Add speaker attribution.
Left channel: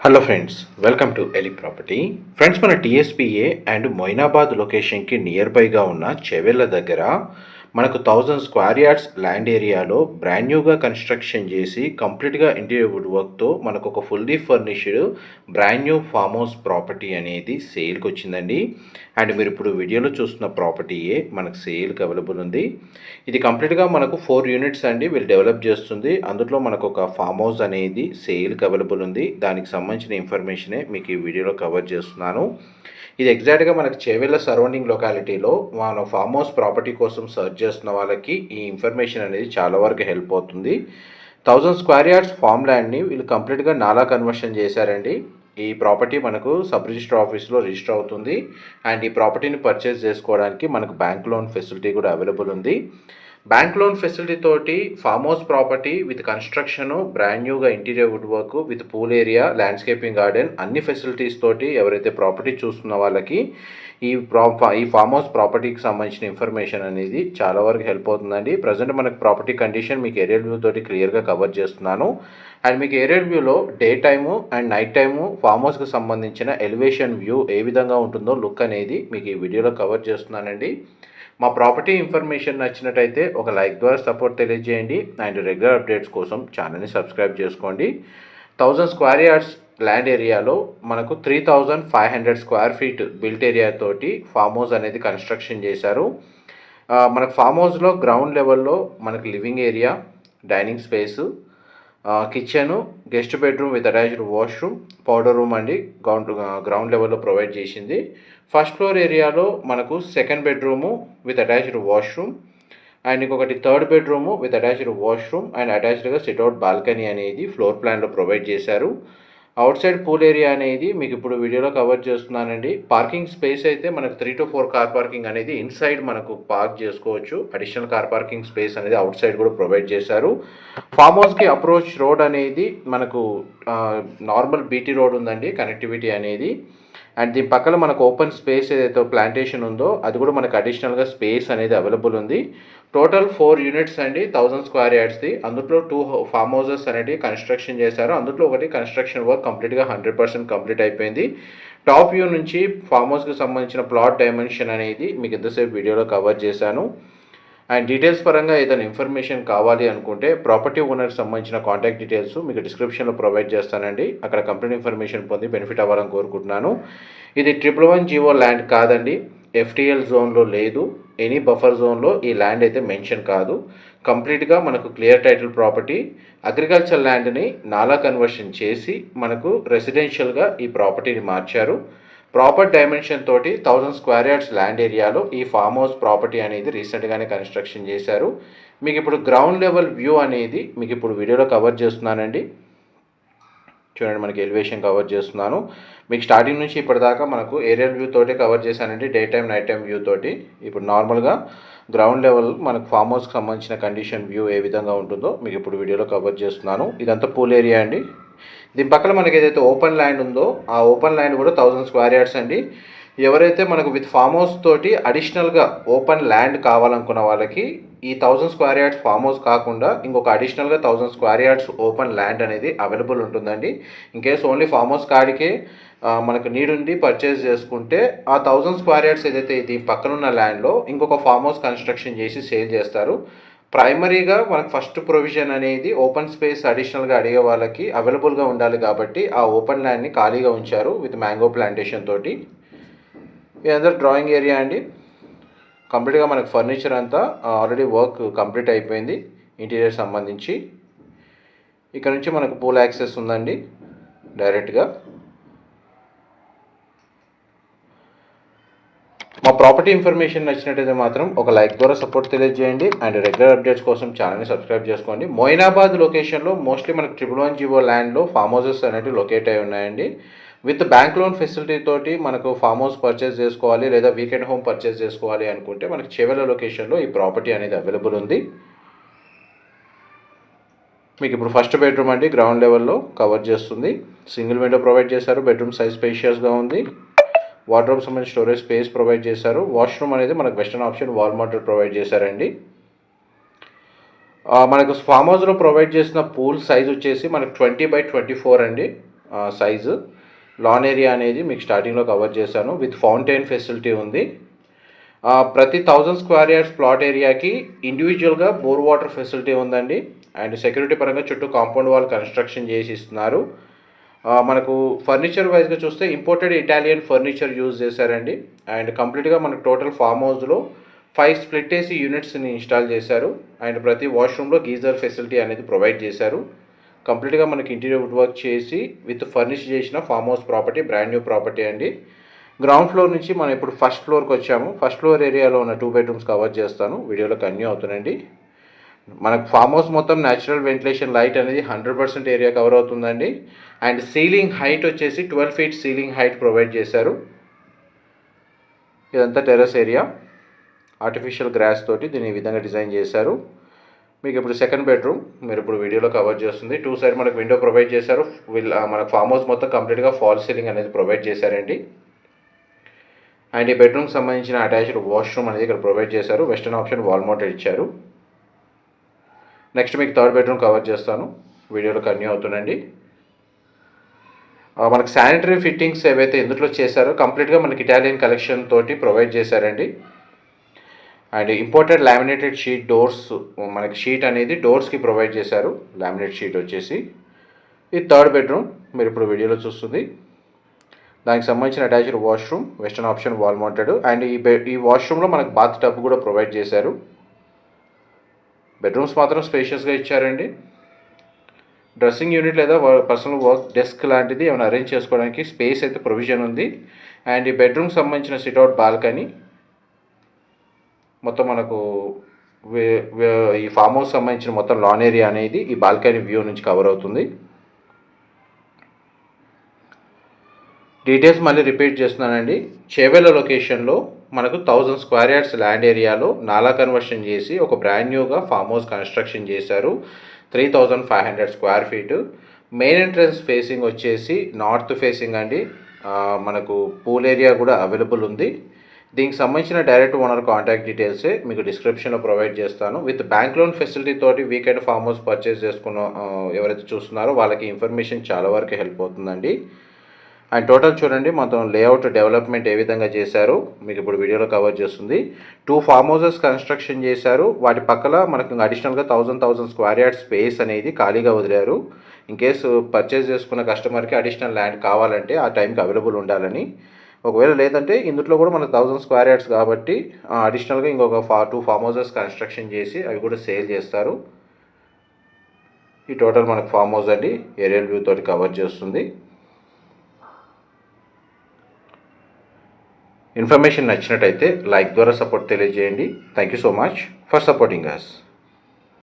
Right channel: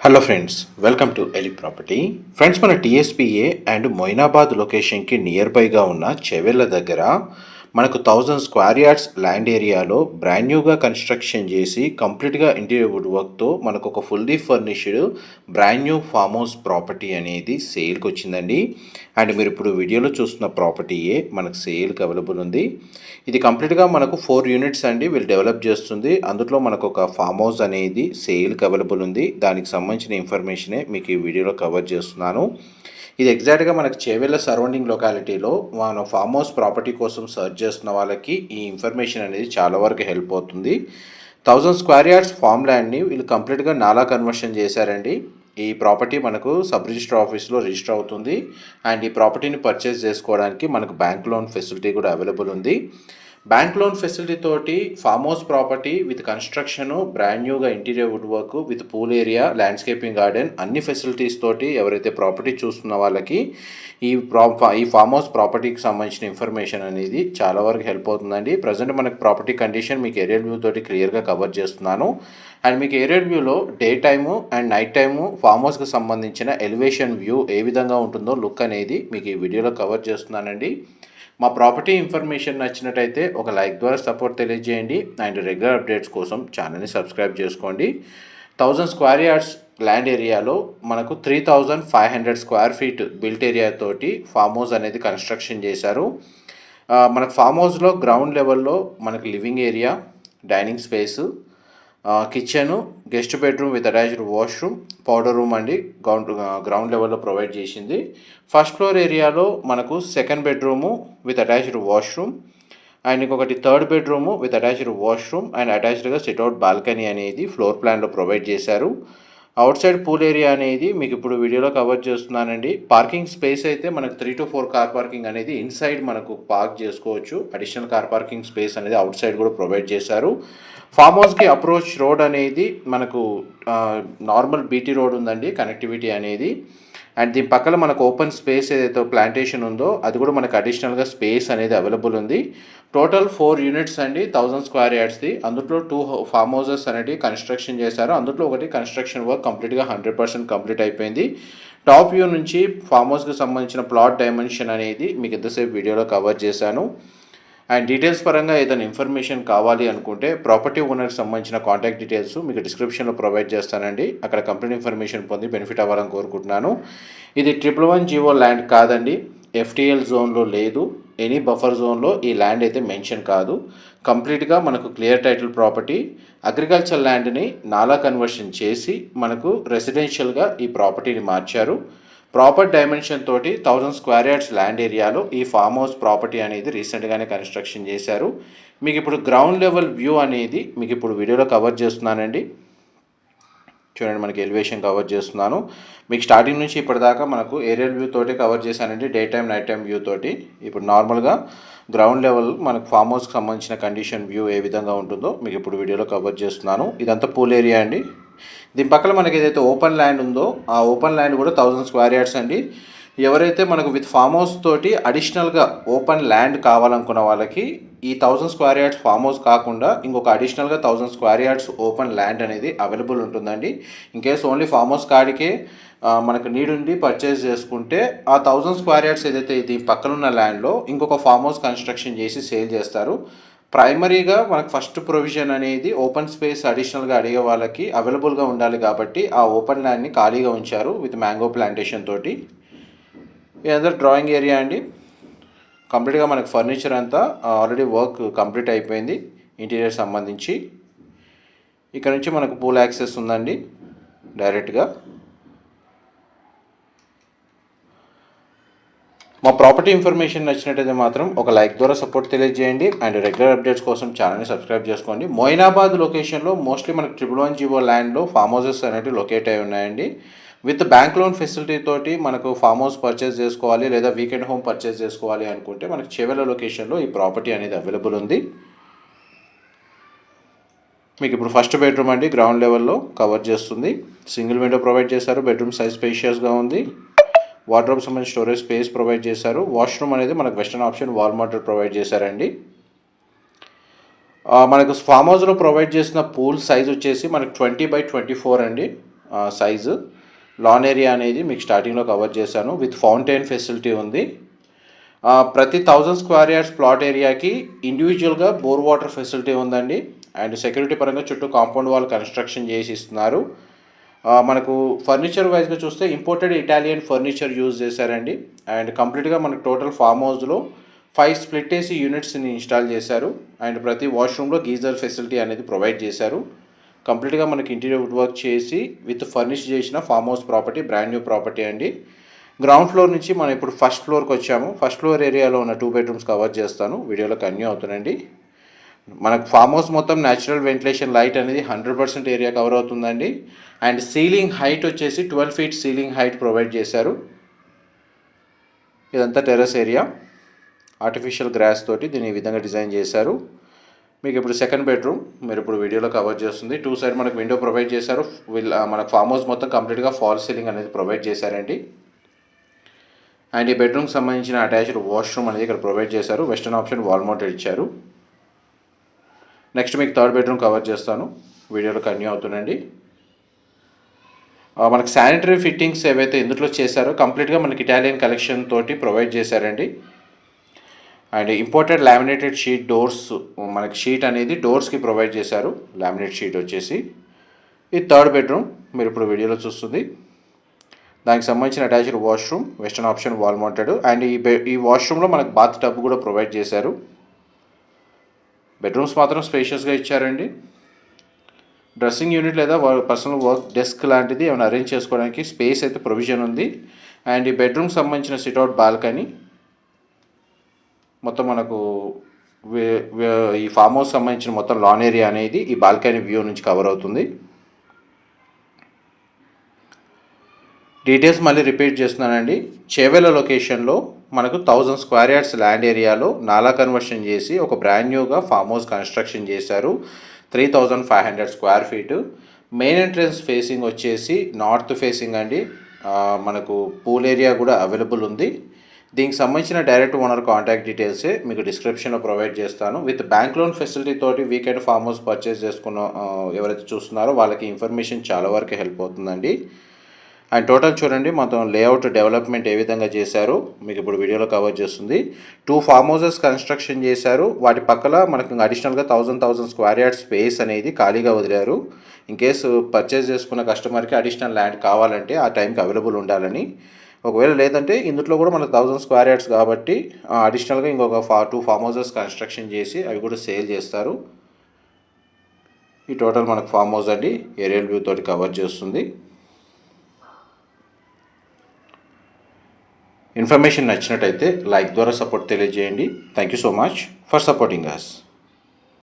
Speaker 1: Hello friends welcome to ఎలి property friends మన TSPA and Moinabad లొకేషన్కి నియర్ బైగా ఉన్న చెవెళ్ళ దగ్గర మనకు థౌజండ్ స్క్వేర్ యార్డ్స్ ల్యాండ్ ఏరియాలో బ్రాండ్ న్యూగా కన్స్ట్రక్షన్ చేసి కంప్లీట్గా ఇంటీరియర్ వుడ్ వర్క్తో మనకు ఒక fully furnished brand new farm house property అనేది సేల్కి వచ్చిందండి. అండ్ మీరు ఇప్పుడు వీడియోలో చూస్తున్న ప్రాపర్టీయే మనకు సేల్కి అవైలబుల్ ఉంది. ఇది కంప్లీట్గా మనకు ఫోర్ యూనిట్స్ అండి వీళ్ళు డెవలప్ చేస్తుంది. అందులో మనకు ఒక ఫామ్ హౌస్ అనేది సేల్కి అవైలబుల్ ఉంది. దానికి సంబంధించిన ఇన్ఫర్మేషనే మీకు ఈ వీడియోలో కవర్ చేస్తున్నాను. ఇది ఎగ్జాక్ట్గా మనకు చేవెళ్ళ సరౌండింగ్ లొకాలిటీలో మన ఫామ్ హౌస్ ప్రాపర్టీ కోసం సర్చ్ చేస్తున్న వాళ్ళకి ఈ ఇన్ఫర్మేషన్ అనేది చాలా వరకు హెల్ప్ అవుతుంది. థౌజండ్ స్క్వేర్ యార్డ్స్ ఫామ్ ల్యాండ్ని వీళ్ళు కంప్లీట్గా నాలా కన్వర్షన్ చేశారండి. ఈ ప్రాపర్టీ మనకు సబ్ రిజిస్టర్ ఆఫీస్లో రిజిస్టర్ అవుతుంది. అండ్ ఈ ప్రాపర్టీని పర్చేస్ చేసుకోవడానికి మనకు బ్యాంక్ లోన్ ఫెసిలిటీ కూడా అవైలబుల్ ఉంది. బ్యాంక్ లోన్ ఫెసిలిటీ తోటి farm house property with construction brand న్యూగా interior wood work with pool area landscaping garden అన్ని ఫెసిలిటీస్ తోటి ఎవరైతే ప్రాపర్టీ చూస్తున్న వాళ్ళకి ఈ ప్రా ఈ ఫామ్ హౌస్ ప్రాపర్టీకి సంబంధించిన ఇన్ఫర్మేషన్ అనేది చాలా వరకు హెల్ప్ అవుతుందండి. ప్రజెంట్ మనకు ప్రాపర్టీ కండిషన్ మీకు ఏరియల్ వ్యూ తోటి క్లియర్గా కవర్ చేస్తున్నాను. అండ్ మీకు ఏరియల్ వ్యూలో day time and night time farm హౌస్కి సంబంధించిన ఎలివేషన్ వ్యూ ఏ విధంగా ఉంటుందో లుక్ అనేది మీకు ఈ వీడియోలో కవర్ చేస్తున్నానండి. మా ప్రాపర్టీ ఇన్ఫర్మేషన్ నచ్చినట్టయితే ఒక లైక్ ద్వారా సపోర్ట్ తెలియజేయండి అండ్ రెగ్యులర్ అప్డేట్స్ కోసం ఛానల్ని సబ్స్క్రైబ్ చేసుకోండి. థౌజండ్ స్క్వేర్ యార్డ్స్ ల్యాండ్ ఏరియాలో మనకు three thousand five hundred square feet built area తోటి ఫామ్ హౌస్ అనేది కన్స్ట్రక్షన్ చేశారు. మనకు ఫామ్ హౌస్లో గ్రౌండ్ లెవెల్లో మనకు living area dining space kitchen guest bedroom with attached washroom powder room అండి. గ్రౌండ్ గ్రౌండ్ లెవెల్లో ప్రొవైడ్ చేసింది. ఫస్ట్ ఫ్లోర్ ఏరియాలో మనకు second bedroom with attached washroom and ఇంకొకటి third bedroom with attached washroom and అటాచ్డ్గా sit out balcony అనేది floor ప్లాన్లో provide చేశారు. Outside pool area అనేది మీకు ఇప్పుడు వీడియోలో కవర్ చేస్తున్నానండి. పార్కింగ్ స్పేస్ అయితే మనకు three to four car parking అనేది ఇన్సైడ్ మనకు పార్క్ చేసుకోవచ్చు. అడిషనల్ కార్ పార్కింగ్ స్పేస్ అనేది అవుట్ సైడ్ కూడా ప్రొవైడ్ చేశారు. ఫామ్ హౌస్కి అప్రోచ్ రోడ్ అనేది మనకు నార్మల్ బీటీ రోడ్ ఉందండి కనెక్టివిటీ అనేది. అండ్ దీని పక్కన మనకు ఓపెన్ స్పేస్ ఏదైతే ప్లాంటేషన్ ఉందో అది కూడా మనకు అడిషనల్గా స్పేస్ అనేది అవైలబుల్ ఉంది. టోటల్ ఫోర్ యూనిట్స్ అండి థౌజండ్ స్క్వేర్ యార్డ్స్ది. అందులో టూ ఫామ్ హౌసెస్ అనేవి కన్స్ట్రక్షన్ చేశారు. అందులో ఒకటి కన్స్ట్రక్షన్ వర్క్ కంప్లీట్గా హండ్రెడ్ పర్సెంట్ కంప్లీట్ అయిపోయింది. టాప్ వ్యూ నుంచి ఫామ్ హౌస్కి సంబంధించిన ప్లాట్ డైమెన్షన్ అనేది మీకు ఎంతసేపు వీడియోలో కవర్ చేశాను. అండ్ డీటెయిల్స్ పరంగా ఏదైనా ఇన్ఫర్మేషన్ కావాలి అనుకుంటే ప్రాపర్టీ ఓనర్కి సంబంధించిన కాంటాక్ట్ డీటెయిల్స్ మీకు డిస్క్రిప్షన్లో ప్రొవైడ్ చేస్తానండి. అక్కడ కంప్లీట్ ఇన్ఫర్మేషన్ పొంది బెనిఫిట్ అవ్వాలని కోరుకుంటున్నాను. ఇది ట్రిపుల్ వన్ జీవో ల్యాండ్ కాదండి. ఎఫ్టీఎల్ జోన్లో లేదు. ఎనీ బఫర్ జోన్లో ఈ ల్యాండ్ అయితే మెన్షన్ కాదు. కంప్లీట్గా మనకు క్లియర్ టైటిల్ ప్రాపర్టీ అగ్రికల్చర్ ల్యాండ్ని నాలా కన్వర్షన్ చేసి మనకు రెసిడెన్షియల్గా ఈ ప్రాపర్టీని మార్చారు. ప్రాపర్ డైమెన్షన్ తోటి థౌజండ్ స్క్వేర్ యార్డ్స్ ల్యాండ్ ఏరియాలో ఈ ఫామ్ హౌస్ ప్రాపర్టీ అనేది రీసెంట్గానే కన్స్ట్రక్షన్ చేశారు. మీకు ఇప్పుడు గ్రౌండ్ లెవెల్ వ్యూ అనేది మీకు ఇప్పుడు వీడియోలో కవర్ చేస్తున్నానండి. చూడండి మనకి ఎలివేషన్ కవర్ చేస్తున్నాను. మీకు స్టార్టింగ్ నుంచి ఇప్పటిదాకా మనకు ఏరియల్ వ్యూ తోటి కవర్ చేశానండి day time night time view తోటి. ఇప్పుడు నార్మల్గా గ్రౌండ్ లెవెల్ మనకు ఫామ్ హౌస్కి సంబంధించిన కండిషన్ వ్యూ ఏ విధంగా ఉంటుందో మీకు ఇప్పుడు వీడియోలో కవర్ చేస్తున్నాను. ఇదంతా పూల్ ఏరియా అండి. దీని పక్కన మనకి ఏదైతే ఓపెన్ ల్యాండ్ ఉందో ఆ ఓపెన్ ల్యాండ్ కూడా థౌజండ్ స్క్వేర్ యార్డ్స్ అండి. ఎవరైతే మనకు విత్ ఫామ్ హౌస్ తోటి అడిషనల్గా ఓపెన్ ల్యాండ్ కావాలనుకున్న వాళ్ళకి ఈ thousand square yards farm house కాకుండా ఇంకొక అడిషనల్గా thousand square yards open land అనేది అవైలబుల్ ఉంటుందండి. In case only farm house కాడికే మనకు నీడ్ ఉండి పర్చేస్ చేసుకుంటే ఆ థౌజండ్ స్క్వేర్ యార్డ్స్ ఏదైతే దీని పక్కన ఉన్న ల్యాండ్లో ఇంకొక ఫామ్ హౌస్ కన్స్ట్రక్షన్ చేసి సేల్ చేస్తారు. ప్రైమరీగా మనకు ఫస్ట్ ప్రొవిజన్ అనేది ఓపెన్ స్పేస్ అడిషనల్గా అడిగే వాళ్ళకి అవైలబుల్గా ఉండాలి కాబట్టి ఆ ఓపెన్ ల్యాండ్ని ఖాళీగా ఉంచారు విత్ మ్యాంగో ప్లాంటేషన్ తోటి. ఇదంతా డ్రాయింగ్ ఏరియా అండి. కంప్లీట్గా మనకు ఫర్నిచర్ అంతా ఆల్రెడీ వర్క్ కంప్లీట్ అయిపోయింది. ఇంటీరియర్ సంబంధించి. ఇక్కడ నుంచి మనకు పూల్ యాక్సెస్ ఉందండి. డైరెక్ట్గా మా ప్రాపర్టీ ఇన్ఫర్మేషన్ నచ్చినట్టయితే మాత్రం ఒక లైక్ ద్వారా సపోర్ట్ తెలియజేయండి. అండ్ రెగ్యులర్ అప్డేట్స్ కోసం ఛానల్ని సబ్స్క్రైబ్ చేసుకోండి. మోయినాబాద్ లొకేషన్లో మోస్ట్లీ మనకు ట్రిపుల్ వన్ జీవో ల్యాండ్లో ఫామ్ హౌసెస్ అనేవి లొకేట్ అయి ఉన్నాయండి. విత్ బ్యాంక్ లోన్ ఫెసిలిటీ తోటి మనకు ఫామ్ హౌస్ పర్చేస్ చేసుకోవాలి లేదా వీకెండ్ హోమ్ పర్చేస్ చేసుకోవాలి అనుకుంటే మనకి చెవెల లొకేషన్లో ఈ ప్రాపర్టీ అనేది అవైలబుల్ ఉంది. మీకు ఇప్పుడు ఫస్ట్ బెడ్రూమ్ అండి గ్రౌండ్ లెవెల్లో కవర్ చేస్తుంది. సింగిల్ విండో ప్రొవైడ్ చేశారు బెడ్రూమ్ సైజ్ స్పేషియస్గా ఉంది. వార్డ్రోబ్ సంబంధించి స్టోరేజ్ స్పేస్ ప్రొవైడ్ చేశారు. వాష్రూమ్ అనేది మనకు western option wall motor provide చేశారండి. మనకు ఫామ్ హౌస్లో ప్రొవైడ్ చేసిన పూల్ సైజ్ వచ్చేసి మనకు ట్వంటీ బై ట్వంటీ ఫోర్ అండి. సైజు. లాన్ ఏరియా అనేది మీకు స్టార్టింగ్లో కవర్ చేశాను. విత్ ఫౌంటైన్ ఫెసిలిటీ ఉంది. ప్రతి థౌజండ్ స్క్వేర్ యార్డ్స్ ప్లాట్ ఏరియాకి ఇండివిజువల్గా బోర్ వాటర్ ఫెసిలిటీ ఉందండి. అండ్ సెక్యూరిటీ పరంగా చుట్టూ కాంపౌండ్ వాల్ కన్స్ట్రక్షన్ చేసి ఇస్తున్నారు. మనకు ఫర్నిచర్ వైజ్గా చూస్తే ఇంపోర్టెడ్ ఇటాలియన్ ఫర్నిచర్ యూజ్ చేశారండి. అండ్ కంప్లీట్గా మనకు టోటల్ ఫామ్ హౌస్లో ఫైవ్ స్ప్లిట్ ఏసీ యూనిట్స్ని ఇన్స్టాల్ చేశారు. అండ్ ప్రతి వాష్రూమ్లో గీజర్ ఫెసిలిటీ అనేది ప్రొవైడ్ చేశారు. కంప్లీట్గా మనకి ఇంటీరియర్ వుడ్ వర్క్ చేసి విత్ ఫర్నిష్ చేసిన farm house property brand new property అండి. గ్రౌండ్ ఫ్లోర్ నుంచి మనం ఇప్పుడు ఫస్ట్ ఫ్లోర్కి వచ్చాము. ఫస్ట్ ఫ్లోర్ ఏరియాలో ఉన్న టూ బెడ్రూమ్స్ కవర్ చేస్తాను. వీడియోలో కన్యూ అవుతుందండి. మనకు ఫామ్ హౌస్ మొత్తం న్యాచురల్ వెంటిలేషన్ లైట్ అనేది హండ్రెడ్ పర్సెంట్ ఏరియా కవర్ అవుతుందండి. అండ్ సీలింగ్ హైట్ వచ్చేసి twelve feet ceiling height provide చేశారు. ఇదంతా టెర్రస్ ఏరియా. ఆర్టిఫిషియల్ గ్రాస్ తోటి దీన్ని ఈ విధంగా డిజైన్ చేశారు. మీకు ఇప్పుడు సెకండ్ బెడ్రూమ్ మీరు ఇప్పుడు వీడియోలో కవర్ చేస్తుంది. టూ సైడ్ మనకు విండో ప్రొవైడ్ చేశారు. వీళ్ళ మనకు ఫామ్ హౌస్ మొత్తం కంప్లీట్గా ఫాల్ సీలింగ్ అనేది ప్రొవైడ్ చేశారండి అండ్ ఈ బెడ్రూమ్కి సంబంధించిన అటాచ్డ్ వాష్రూమ్ అనేది ఇక్కడ ప్రొవైడ్ చేశారు. వెస్టర్న్ ఆప్షన్ వాల్ మౌంటెడ్ ఇచ్చారు. నెక్స్ట్ మీకు థర్డ్ బెడ్రూమ్ కవర్ చేస్తాను. వీడియోలో కన్యూ అవుతుందండి మనకు శానిటరీ ఫిట్టింగ్స్ ఏవైతే ఇందులో చేశారో కంప్లీట్గా మనకి ఇటాలియన్ కలెక్షన్ తోటి ప్రొవైడ్ చేశారండి. And imported laminated sheet doors మనకి షీట్ అనేది డోర్స్కి ప్రొవైడ్ చేశారు. లామినేట్ షీట్ వచ్చేసి ఇది థర్డ్ బెడ్రూమ్ మీరు ఇప్పుడు వీడియోలో చూస్తుంది. దానికి సంబంధించిన attached washroom western option wall mounted and ఈ ఈ వాష్రూమ్లో మనకు బాత్ టబ్ కూడా ప్రొవైడ్ చేశారు. బెడ్రూమ్స్ మాత్రం స్పేషియస్గా ఇచ్చారండి. డ్రెస్సింగ్ యూనిట్ లేదా పర్సనల్ వర్క్ డెస్క్ లాంటిది ఏమైనా అరేంజ్ చేసుకోవడానికి స్పేస్ అయితే ప్రొవిజన్ ఉంది. అండ్ ఈ బెడ్రూమ్కి సంబంధించిన సిట్అవుట్ బాల్కనీ మొత్తం మనకు వే- ఈ ఫామ్ హౌస్ సంబంధించిన మొత్తం లాన్ ఏరియా అనేది ఈ బాల్కనీ వ్యూ నుంచి కవర్ అవుతుంది. డీటెయిల్స్ మళ్ళీ రిపీట్ చేస్తున్నానండి. చేవెళ్ళ లొకేషన్లో మనకు థౌజండ్ స్క్వేర్ యార్డ్స్ ల్యాండ్ ఏరియాలో నాలా కన్వర్షన్ చేసి ఒక బ్రాండ్ న్యూగా ఫామ్ హౌస్ కన్స్ట్రక్షన్ చేశారు. Three thousand five hundred square feet main entrance facing వచ్చేసి నార్త్ ఫేసింగ్ అండి. మనకు పూల్ ఏరియా కూడా అవైలబుల్ ఉంది. దీనికి సంబంధించిన డైరెక్ట్ ఓనర్ కాంటాక్ట్ డీటెయిల్స్ మీకు డిస్క్రిప్షన్లో ప్రొవైడ్ చేస్తాను. విత్ బ్యాంక్ లోన్ ఫెసిలిటీ తోటి వీకెండ్ ఫామ్ హౌస్ పర్చేస్ చేసుకున్న ఎవరైతే చూస్తున్నారో వాళ్ళకి ఇన్ఫర్మేషన్ చాలా వరకు హెల్ప్ అవుతుందండి. అండ్ టోటల్ చూడండి మొత్తం లేఅవుట్ డెవలప్మెంట్ ఏ విధంగా చేశారో మీకు ఇప్పుడు వీడియోలో కవర్ చేస్తుంది. టూ ఫామ్ హౌసెస్ కన్స్ట్రక్షన్ చేశారు. వాటి పక్కల మనకు అడిషనల్గా thousand thousand square yard space అనేది ఖాళీగా వదిలారు. ఇన్ కేసు పర్చేస్ చేసుకున్న కస్టమర్కి అడిషనల్ ల్యాండ్ కావాలంటే ఆ టైంకి అవైలబుల్ ఉండాలని. ఒకవేళ లేదంటే ఇందులో కూడా మనకు థౌజండ్ స్క్వేర్ యార్డ్స్ కాబట్టి అడిషనల్గా ఇంకొక ఫా టూ ఫామ్ హౌసెస్ కన్స్ట్రక్షన్ చేసి అవి కూడా సేల్ చేస్తారు. ఈ టోటల్ మనకు ఫామ్ హౌస్ అండి ఏరియల్ వ్యూ తోటి కవర్ చేస్తుంది. ఇన్ఫర్మేషన్ నచ్చినట్టయితే లైక్ ద్వారా సపోర్ట్ తెలియజేయండి. Thank you so much for supporting us